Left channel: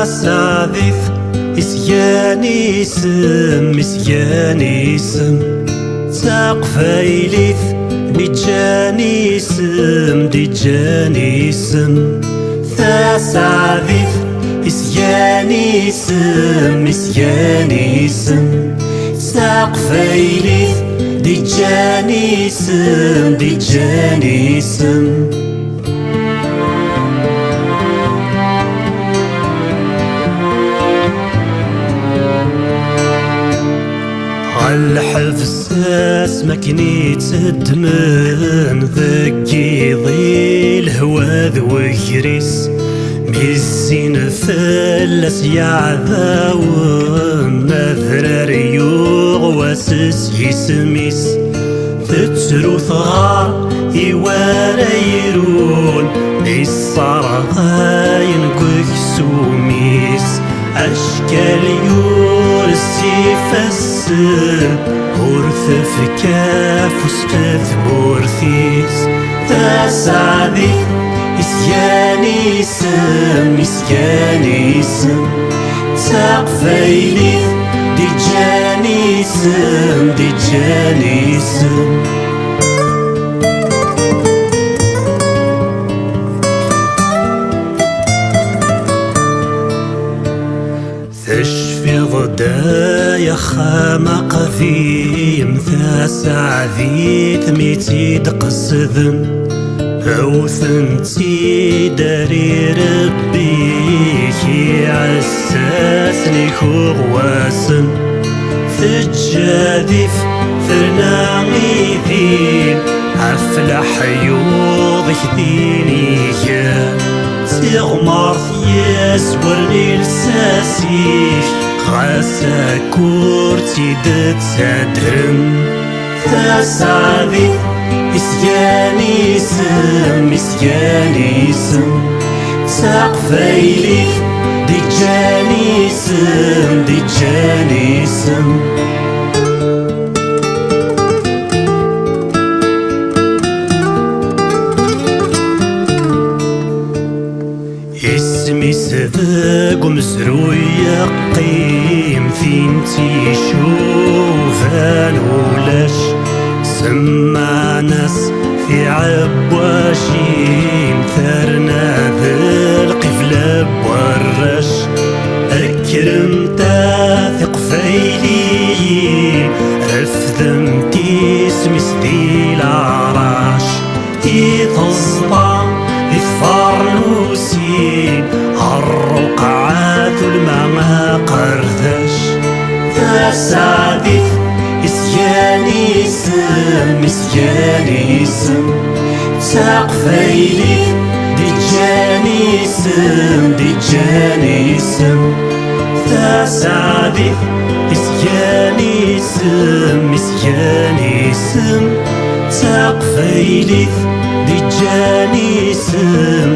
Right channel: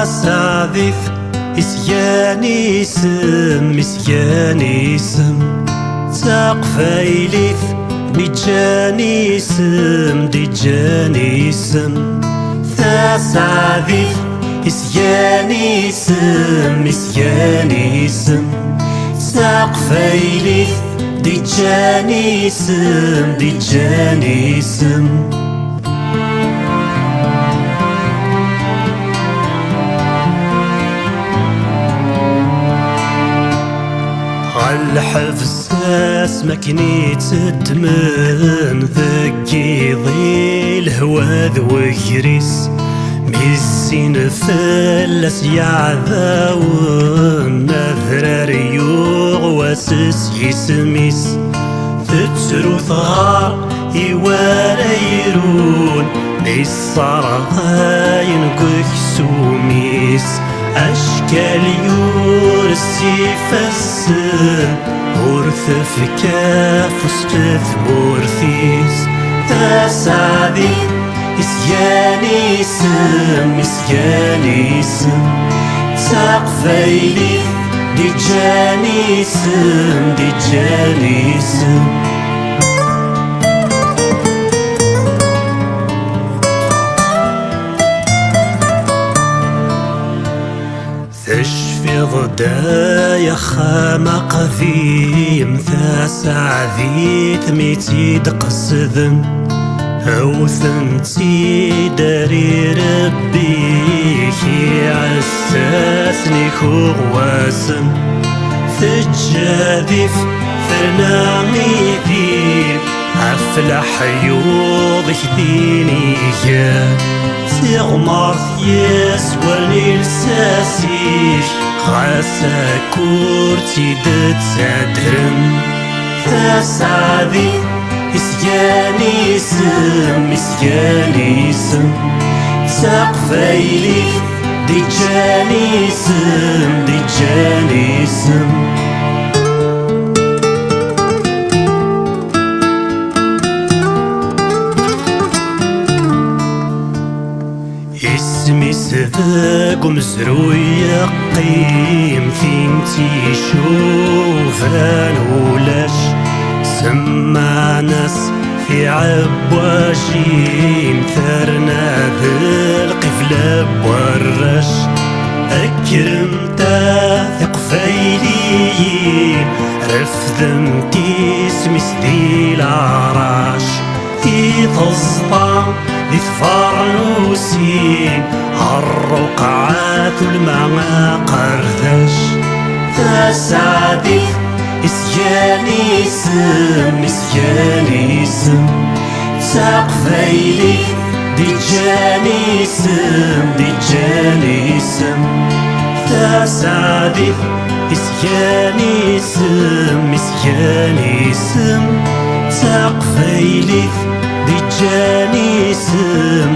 تسعذف إسيانيسم تقفايليث ديجانيسم تسعذف إسيانيسم تقفايليث ديجانيسم الحفساس مكني تدمن ذكي ضي الهوا ذويريس ميزين فلس يعذاون نذر ريوغ واسس يسميس تترو ثغار يواريرون نيصار غاين قكسوميس أشكال يورسي فسن ورث كاف وسفث مورثيس تسعذف إسيانيسم تقفايليث ديجانيسم تشفي ضدايا خامق ذيم تسعذيث ميتيد قصذن أو ثنتي داري ربي عساسني خواسن ثجاذف ثرناغي ذيم أفلح يوضك دينيا تغمر يسورني لساسيك غاسا كورتي دتسادرم تسعذف إسيانيسم تقفايليث ديجانيسم اسمي سذاق مزروي قيم ثينتي شوفان ولاش سمع ناس في عبواجيم ثرنا ذي القفلة بورش أكرم تاثق فايليم رفذم تيسمس ذي العراش تيتصدى ذي ثفرنوسين الرقعات الماء قردش تسعذف إسيانيسم تقفايليث ديجانيسم تسعذف إسيانيسم تقفايليث ديجانيسم